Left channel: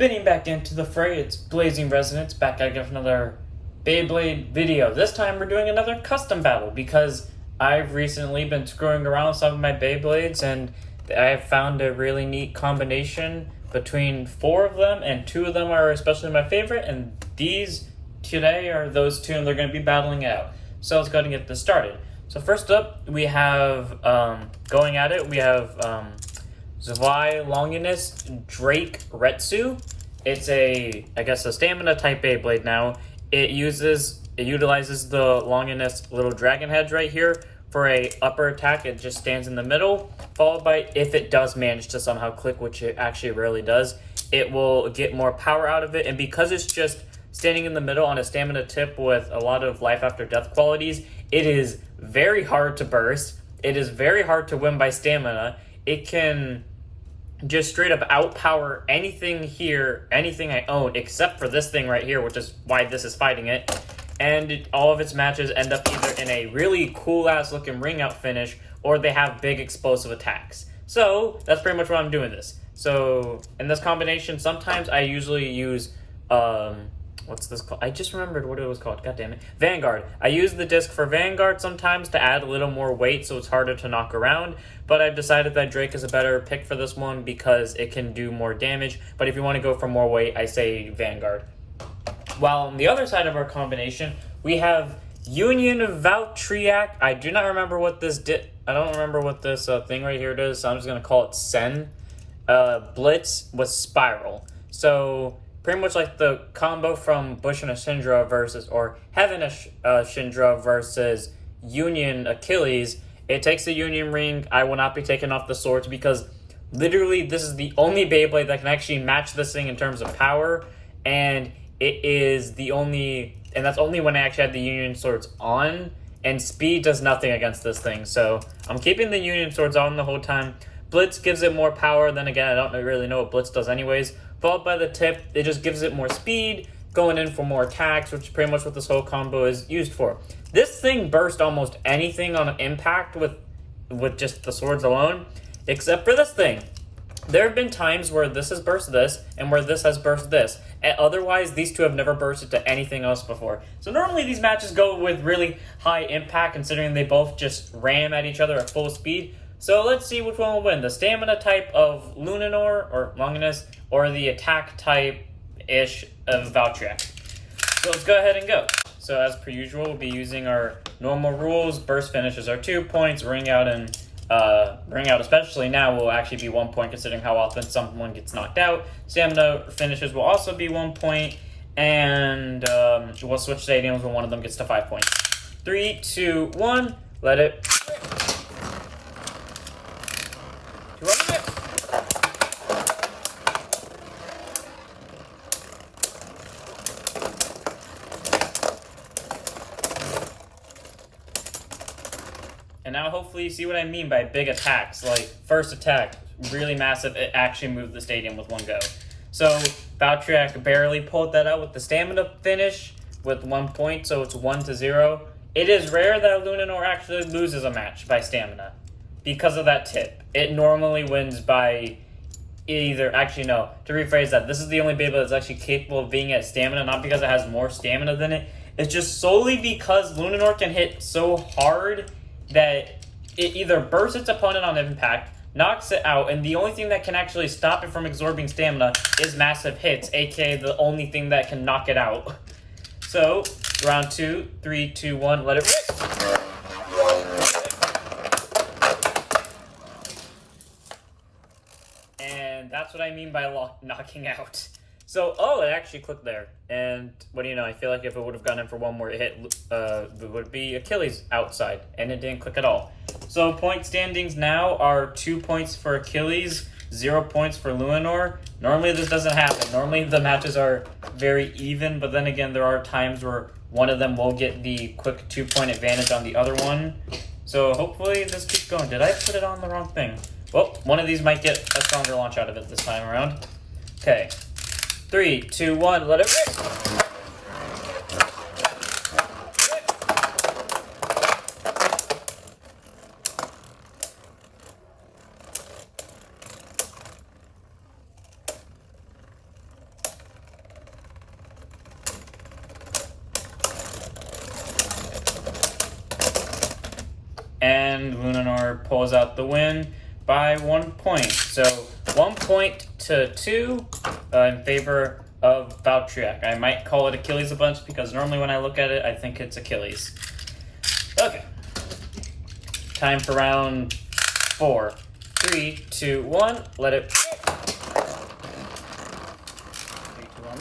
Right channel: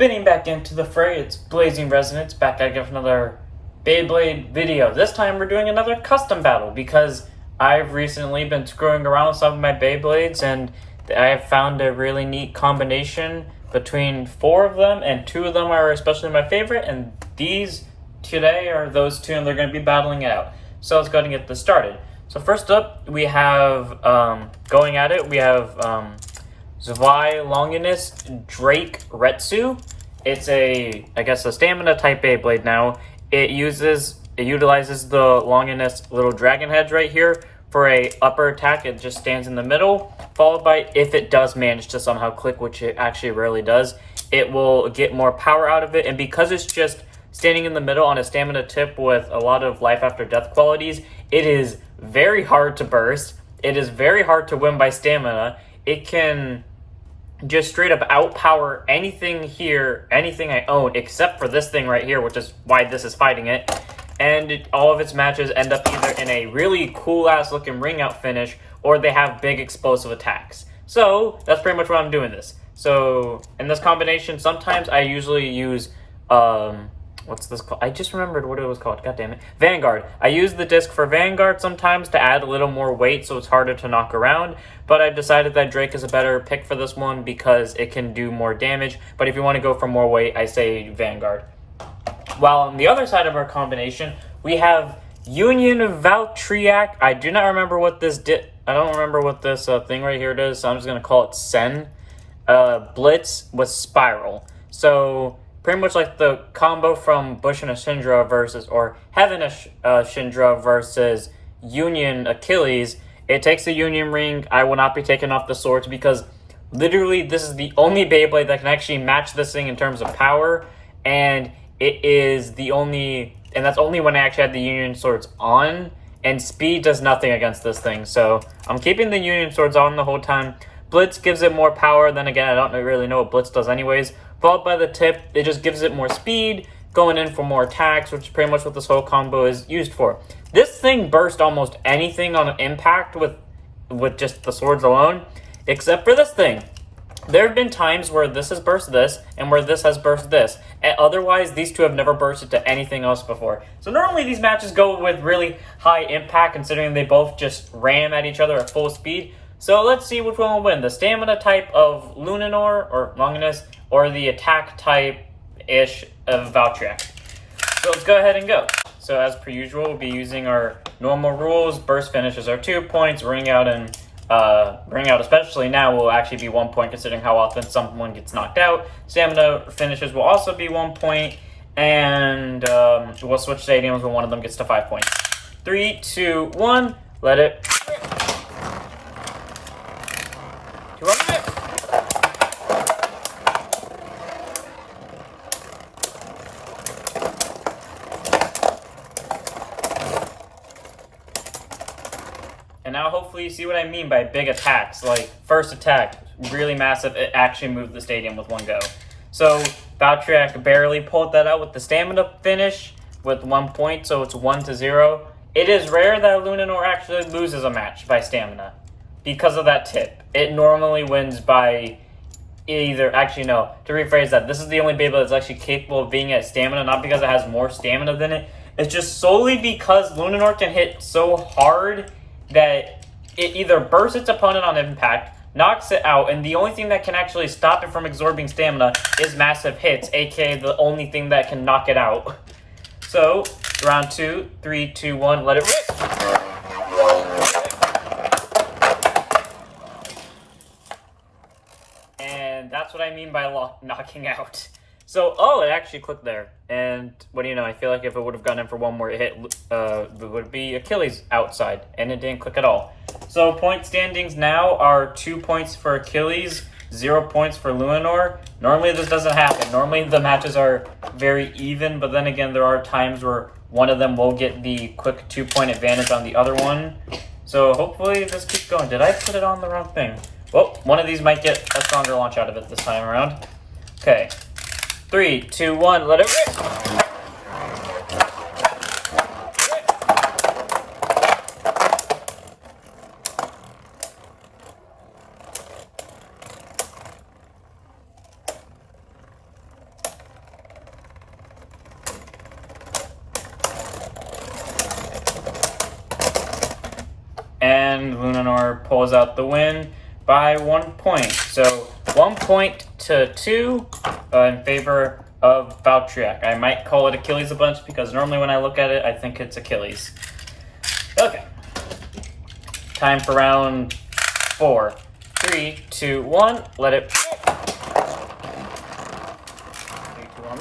Spinning back into the fray, it's Blazing Resonance, back at another Beblade video. This time we're doing another custom battle because I've recently been screwing around with some of my Beyblades and I have found a really neat combination between 4 of them, and 2 of them are especially my favorite, and these today are those 2 and they're going to be battling it out. So let's go ahead and get this started. So first up we have, going at it, we have Zwei Longinus Drake Metsu. It's a stamina type Beyblade now. It utilizes the Longinus little dragon heads right here for a upper attack. It just stands in the middle, followed by, if it does manage to somehow click, which it actually rarely does, it will get more power out of it. And because it's just standing in the middle on a stamina tip with a lot of life after death qualities, it is very hard to burst. It is very hard to win by stamina. It can just straight up outpower anything here, anything I own, except for this thing right here, which is why this is fighting it. And all of its matches end up either in a really cool-ass looking ring-out finish, or they have big explosive attacks. So that's pretty much what I'm doing this. So in this combination, sometimes I usually use, what's this called? I just remembered what it was called. God damn it. Vanguard. I use the disc for Vanguard sometimes to add a little more weight so it's harder to knock around. But I've decided that Drake is a better pick for this one because it can do more damage. But if you want to go for more weight, I say Vanguard. While on the other side of our combination, we have Union Valkyrie. I do not remember what this I don't remember what this thing right here does, so I'm just going to call it Sen. Blitz with Spiral. So pretty much like the combo from Bush and Ashindra versus, or Heaven Ashindra versus Union Achilles. It takes the Union Ring. I will not be taking off the swords because literally this is the only Beyblade that can actually match this thing in terms of power. And it is the only, and that's only when I actually had the Union swords on. And speed does nothing against this thing. So I'm keeping the Union swords on the whole time. Blitz gives it more power. Then again, I don't really know what Blitz does anyways. Followed by the tip, it just gives it more speed, going in for more attacks, which is pretty much what this whole combo is used for. This thing burst almost anything on impact with just the swords alone, except for this thing. There have been times where this has burst this, and where this has burst this. And otherwise, these 2 have never bursted to anything else before. So normally these matches go with really high impact, considering they both just ram at each other at full speed. So let's see which one will win. The stamina type of Luninor, or Longinus, or the attack type-ish of Valkyrie. So let's go ahead and go. So as per usual, we'll be using our normal rules. Burst finishes are 2 points. Ring out especially now will actually be 1 point, considering how often someone gets knocked out. Stamina finishes will also be 1 point. And we'll switch stadiums when one of them gets to 5 points. 3, 2, 1, let it. And now hopefully you see what I mean by big attacks. Like, first attack, really massive, it actually moved the stadium with one go. So, Valkyrie barely pulled that out with the stamina finish with 1 point, so it's 1-0. It is rare that Luninor actually loses a match by stamina because of that tip. It normally wins by either, actually no, to rephrase that, this is the only Beyblade that's actually capable of being at stamina, not because it has more stamina than it. It's just solely because Luninor can hit so hard that it either bursts its opponent on impact, knocks it out, and the only thing that can actually stop it from absorbing stamina is massive hits, aka the only thing that can knock it out. So, round 2, 3, 2, 1, let it rip! And that's what I mean by knocking out. So, oh, it actually clicked there. And what do you know, I feel like if it would have gone in for one more hit, it would be Achilles outside. And it didn't click at all. So, point standings now are 2 points for Achilles, 0 points for Luninor. Normally this doesn't happen. Normally the matches are very even, but then again, there are times where one of them will get the quick 2-point advantage on the other one. So, hopefully this keeps going. Did I put it on the wrong thing? Well, one of these might get a stronger launch out of it this time around. Okay. 3, 2, 1, let it rip! and Luminor pulls out the win by 1 point. So 1 point to 2 in favor of Valkyrie. I might call it Achilles a bunch because normally when I look at it, I think it's Achilles. Okay. Time for round 4. 3, 2, 1. Let it. 3, 2, 1.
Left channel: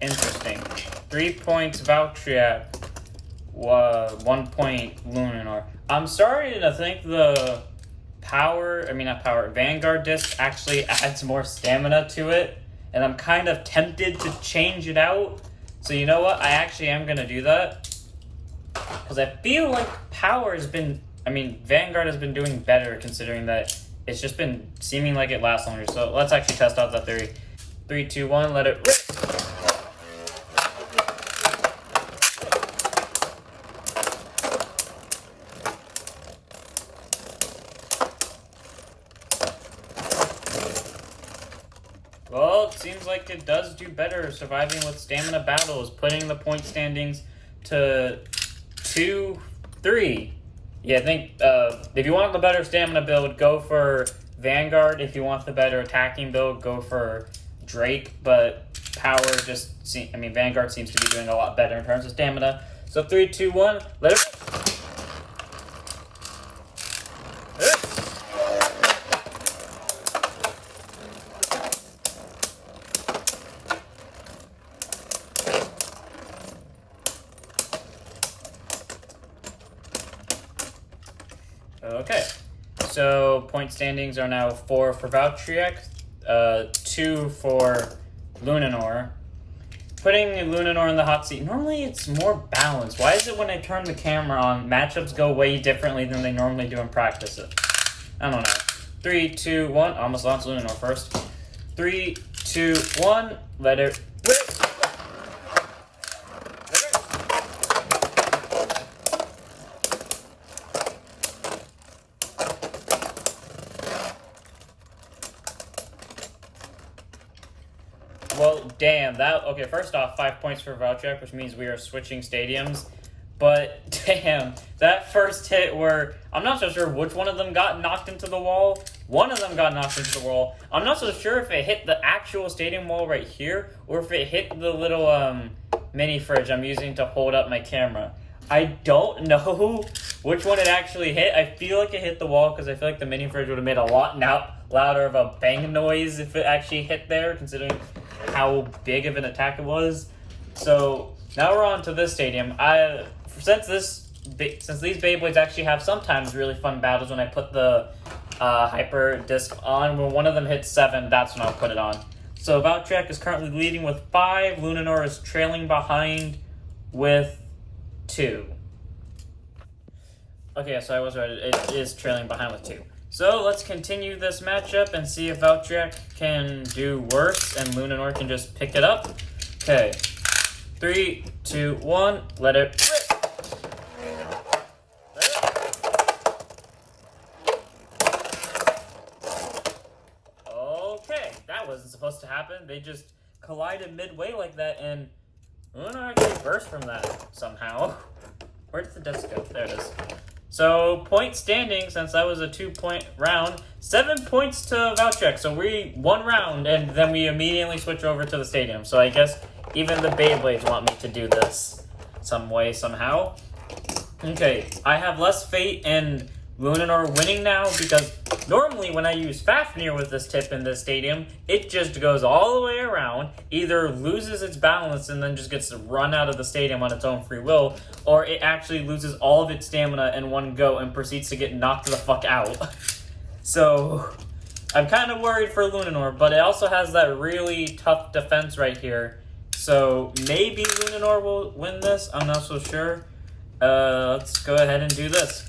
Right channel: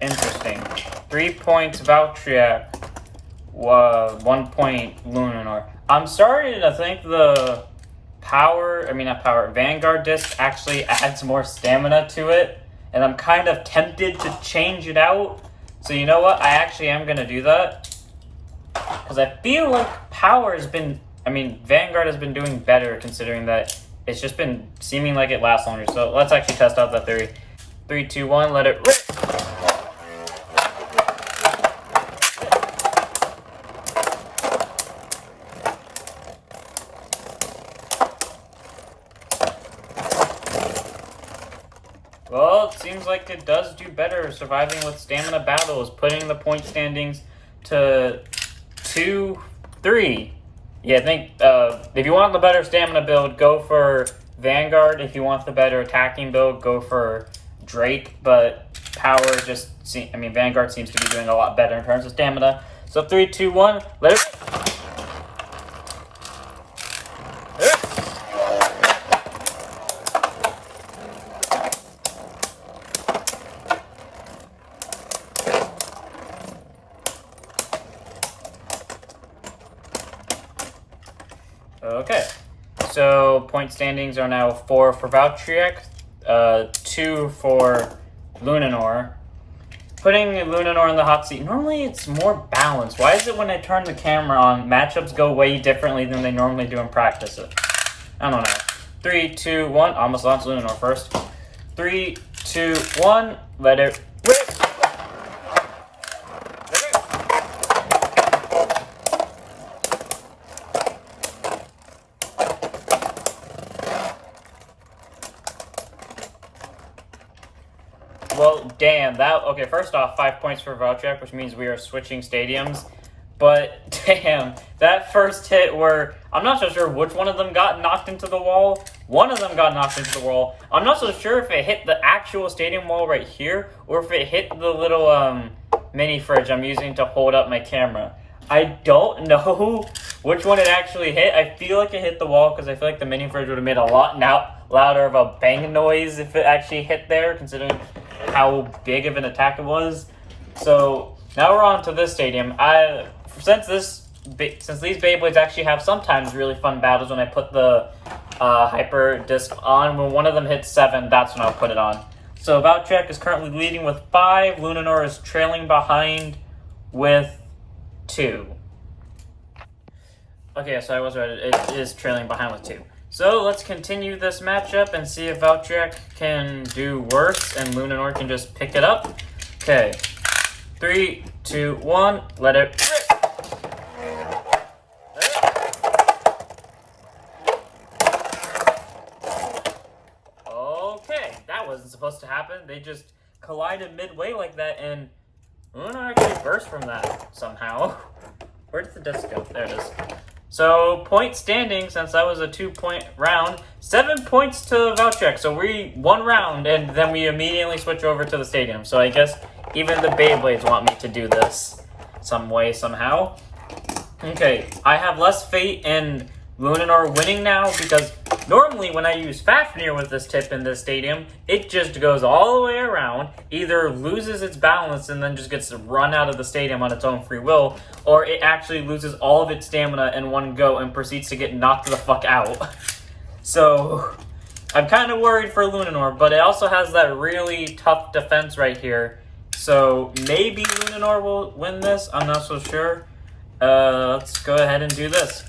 Interesting. 3 points Valkyrie, 1 point Luminor. I'm starting to think the Vanguard disc actually adds more stamina to it, and I'm kind of tempted to change it out. So you know what? I actually am going to do that. Because I feel like Vanguard has been doing better considering that it's just been seeming like it lasts longer. So let's actually test out that theory. 3, 2, 1, let it rip. Well, it seems like it does do better surviving with stamina battles, putting the point standings to 2-3. Yeah, I think if you want the better stamina build, go for Vanguard. If you want the better attacking build, go for Drake. But Vanguard seems to be doing a lot better in terms of stamina. So 3, 2, 1, let it. Okay, so point standings are now 4 for Valkyrie, 2 for Luminor. Putting Luminor in the hot seat, normally it's more balanced. Why is it when I turn the camera on, matchups go way differently than they normally do in practice? I don't know. 3, 2, 1, almost launched Luminor first. 3, 2, 1, let it rip. Well, damn, okay, first off, 5 points for Valkyrie, which means we are switching stadiums. But, damn, that first hit where, I'm not so sure which one of them got knocked into the wall. One of them got knocked into the wall. I'm not so sure if it hit the actual stadium wall right here, or if it hit the little, mini fridge I'm using to hold up my camera. I don't know which one it actually hit. I feel like it hit the wall, because I feel like the mini fridge would have made a lot louder of a bang noise if it actually hit there, considering how big of an attack it was. So now we're on to this stadium. Since these Beyblades actually have sometimes really fun battles when I put the hyper disc on, when one of them hits 7, that's when I'll put it on. So Valkyrie is currently leading with 5. Luminor is trailing behind with 2. Okay, so I was right. It is trailing behind with 2. So let's continue this matchup and see if Valkyrie can do worse and Luminor can just pick it up. Okay. 3, 2, 1, let it rip. Okay, that wasn't supposed to happen. They just collided midway like that, and Luminor actually burst from that somehow. Where did the disc go? There it is. So, point standing, since that was a 2-point round, 7 points to Valkyrie. So we 1 round, and then we immediately switch over to the stadium. So I guess even the Beyblades want me to do this some way, somehow. Okay, I have less fate in Luminor winning now, because normally when I use Fafnir with this tip in this stadium, it just goes all the way around, either loses its balance and then just gets run out of the stadium on its own free will, or it actually loses all of its stamina in one go and proceeds to get knocked the fuck out. So, I'm kind of worried for Luminor, but it also has that really tough defense right here. So, maybe Luminor will win this, I'm not so sure. Let's go ahead and do this.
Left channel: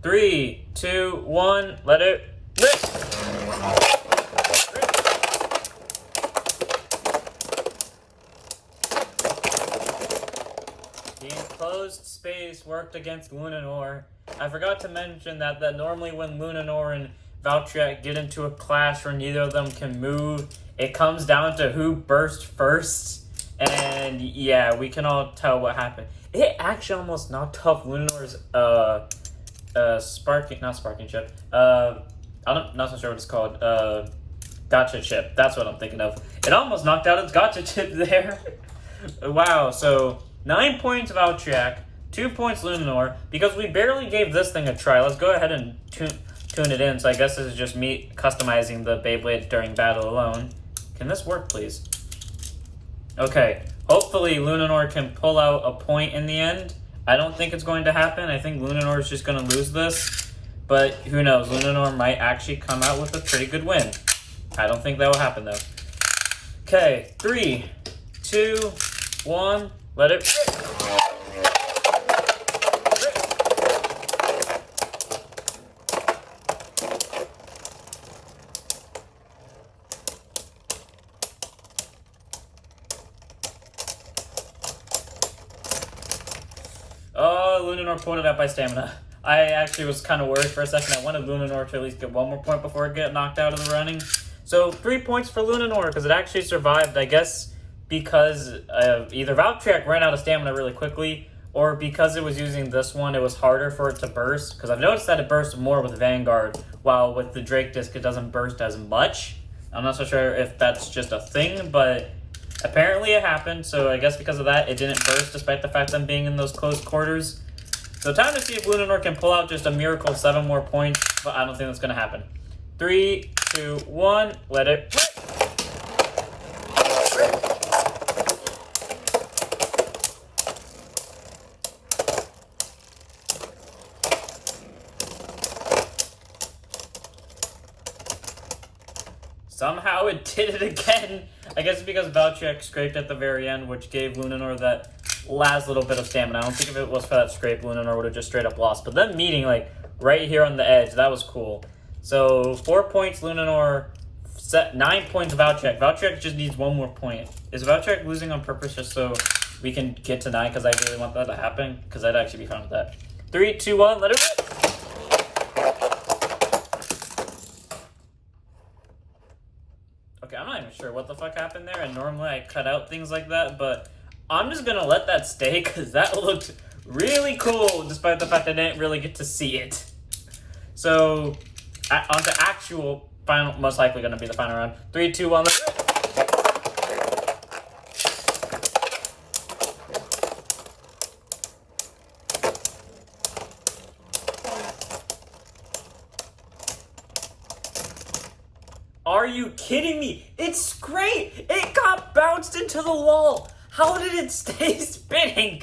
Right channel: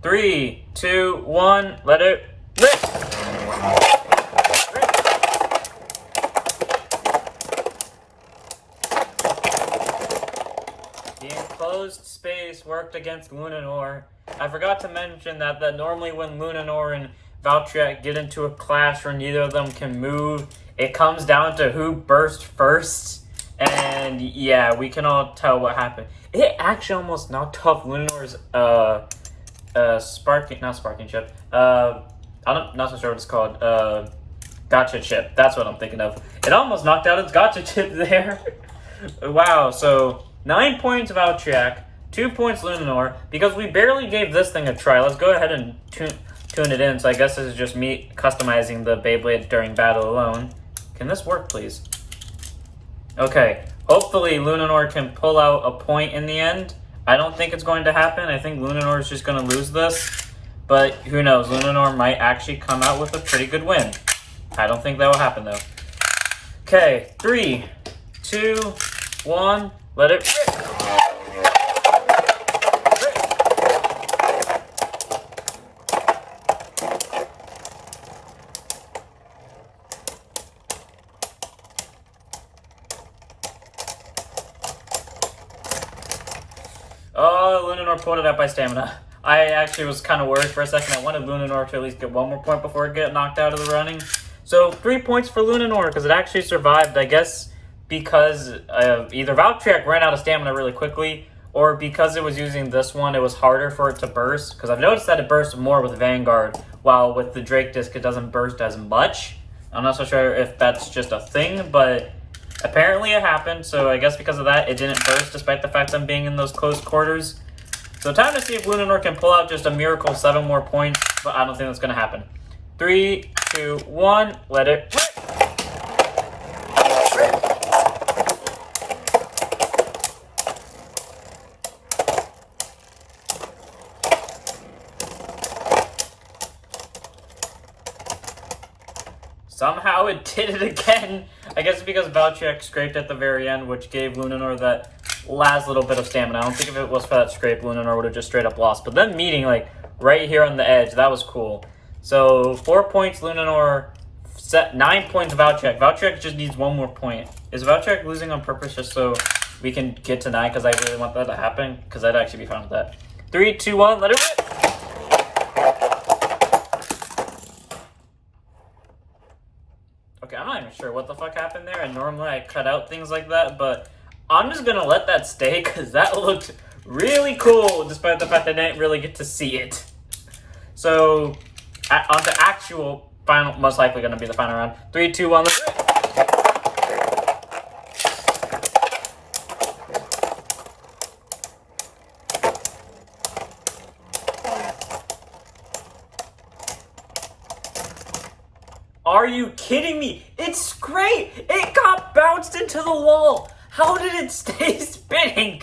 3, 2, 1, let it rip! Getting close. closed space worked against Lunanor. I forgot to mention that normally when Lunanor and Valkyrie get into a clash where neither of them can move, it comes down to who burst first. And yeah, we can all tell what happened. It actually almost knocked off Lunanor's not sparking chip. Not so sure what it's called. Gotcha chip. That's what I'm thinking of. It almost knocked out its gotcha chip there. Wow. So 9 points Valkyrie, 2 points Lunanor. Because we barely gave this thing a try. Let's go ahead and tune it in. So I guess this is just me customizing the Beyblade during battle alone. Can this work, please? Okay. Hopefully Lunanor can pull out a point in the end. I don't think it's going to happen. I think Lunanor is just going to lose this. But who knows? Lunanor might actually come out with a pretty good win. I don't think that will happen, though. Okay, 3, 2, 1, let it rip. Oh, Lunanor pulled it up by stamina. I actually was kind of worried for a second. I wanted Lunanor to at least get one more point before it get knocked out of the running. So 3 points for Lunanor because it actually survived, I guess, because either Valkyrie ran out of stamina really quickly, or because it was using this one, it was harder for it to burst. Because I've noticed that it bursts more with Vanguard, while with the Drake Disc it doesn't burst as much. I'm not so sure if that's just a thing, but apparently it happened. So I guess because of that, it didn't burst, despite the fact I'm being in those close quarters. So time to see if Lunanor can pull out just a miracle 7 more points, but I don't think that's going to happen. 3, 2, 1, let it rip. Somehow it did it again. I guess because Valkyrie scraped at the very end, which gave Lunanor that last little bit of stamina. I don't think if it was for that scrape, Lunanor would have just straight up lost. But then meeting like right here on the edge, that was cool. So 4 points Lunanor, 9 points Valkyrie. Valkyrie just needs 1 more point. Is Valkyrie losing on purpose just so we can get to 9? Because I really want that to happen. Because I'd actually be fine with that. 3, 2, 1, let it rip. Okay, I'm not even sure what the fuck happened there. And normally I cut out things like that, but I'm just gonna let that stay because that looked really cool, despite the fact I didn't really get to see it. So, on to actual final, most likely gonna be the final round. 3, 2, 1, let's go. Are you kidding me? It's great! It got bounced into the wall! How did it stay spinning?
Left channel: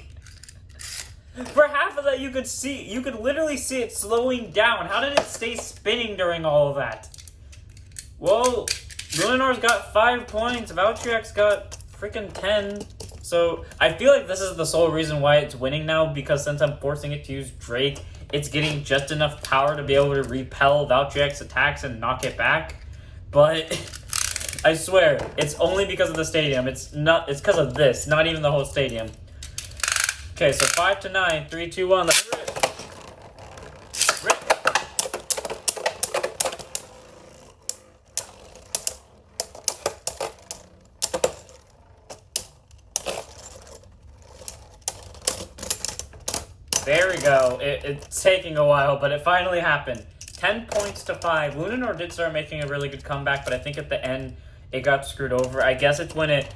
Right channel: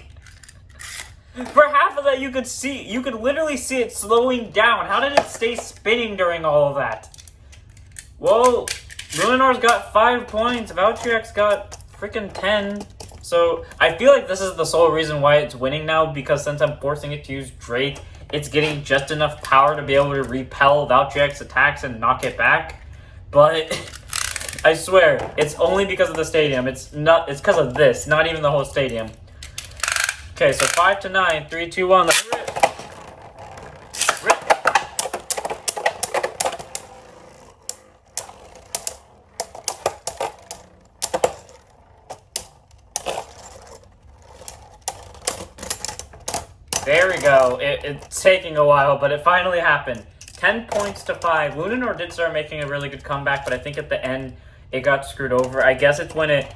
For half of that you could literally see it slowing down. How did it stay spinning during all of that? Well, Lunanor's got 5 points, Valkyrie's got freaking 10. So I feel like this is the sole reason why it's winning now, because since I'm forcing it to use Drake, it's getting just enough power to be able to repel Valkyrie's attacks and knock it back. But I swear, it's only because of the stadium. It's because of this, not even the whole stadium. Okay, so 5 to 9, 3, 2, 1, let's rip. Rip. There we go. It's taking a while, but it finally happened. 10 points to 5. Lunanor did start making a really good comeback, but I think at the end it got screwed over. I guess it's when it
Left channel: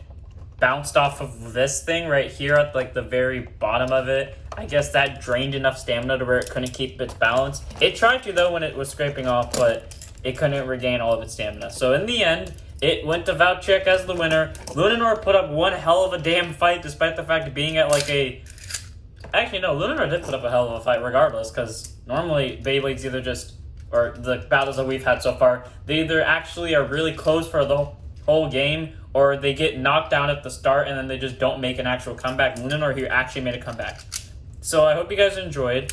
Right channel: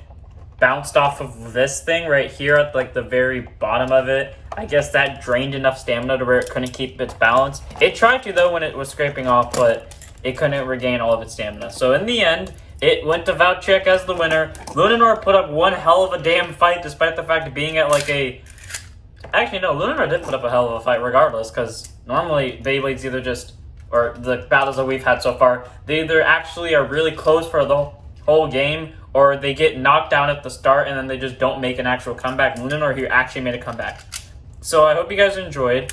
bounced off of this thing right here at like the very bottom of it. I guess that drained enough stamina to where it couldn't keep its balance. It tried to though when it was scraping off, but it couldn't regain all of its stamina. So in the end, it went to Valkyrie as the winner. Lunanor put up one hell of a damn fight, despite the fact of being at like a... Actually, no, Lunanor did put up a hell of a fight regardless, because normally Beyblade's either just... or the battles that we've had so far, they either actually are really close for the whole game, or they get knocked down at the start and then they just don't make an actual comeback. Lunanor here actually made a comeback. So I hope you guys enjoyed.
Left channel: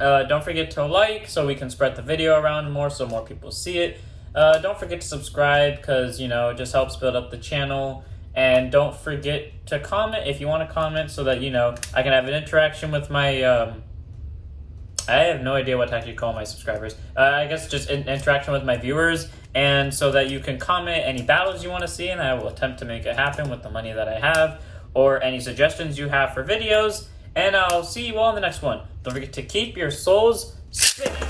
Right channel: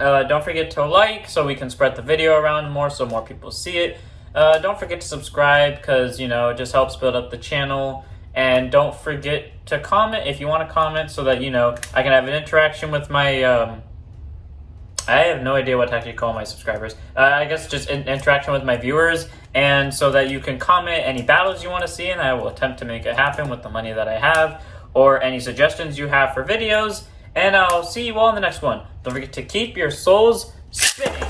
Don't forget to like so we can spread the video around more so more people see it. Don't forget to subscribe because, you know, it just helps build up the channel. And don't forget to comment if you want to comment so that, you know, I can have an interaction with my, I have no idea what to actually call my subscribers. I guess just an interaction with my viewers, and so that you can comment any battles you want to see, and I will attempt to make it happen with the money that I have, or any suggestions you have for videos, and I'll see you all in the next one. Don't forget to keep your souls spinning.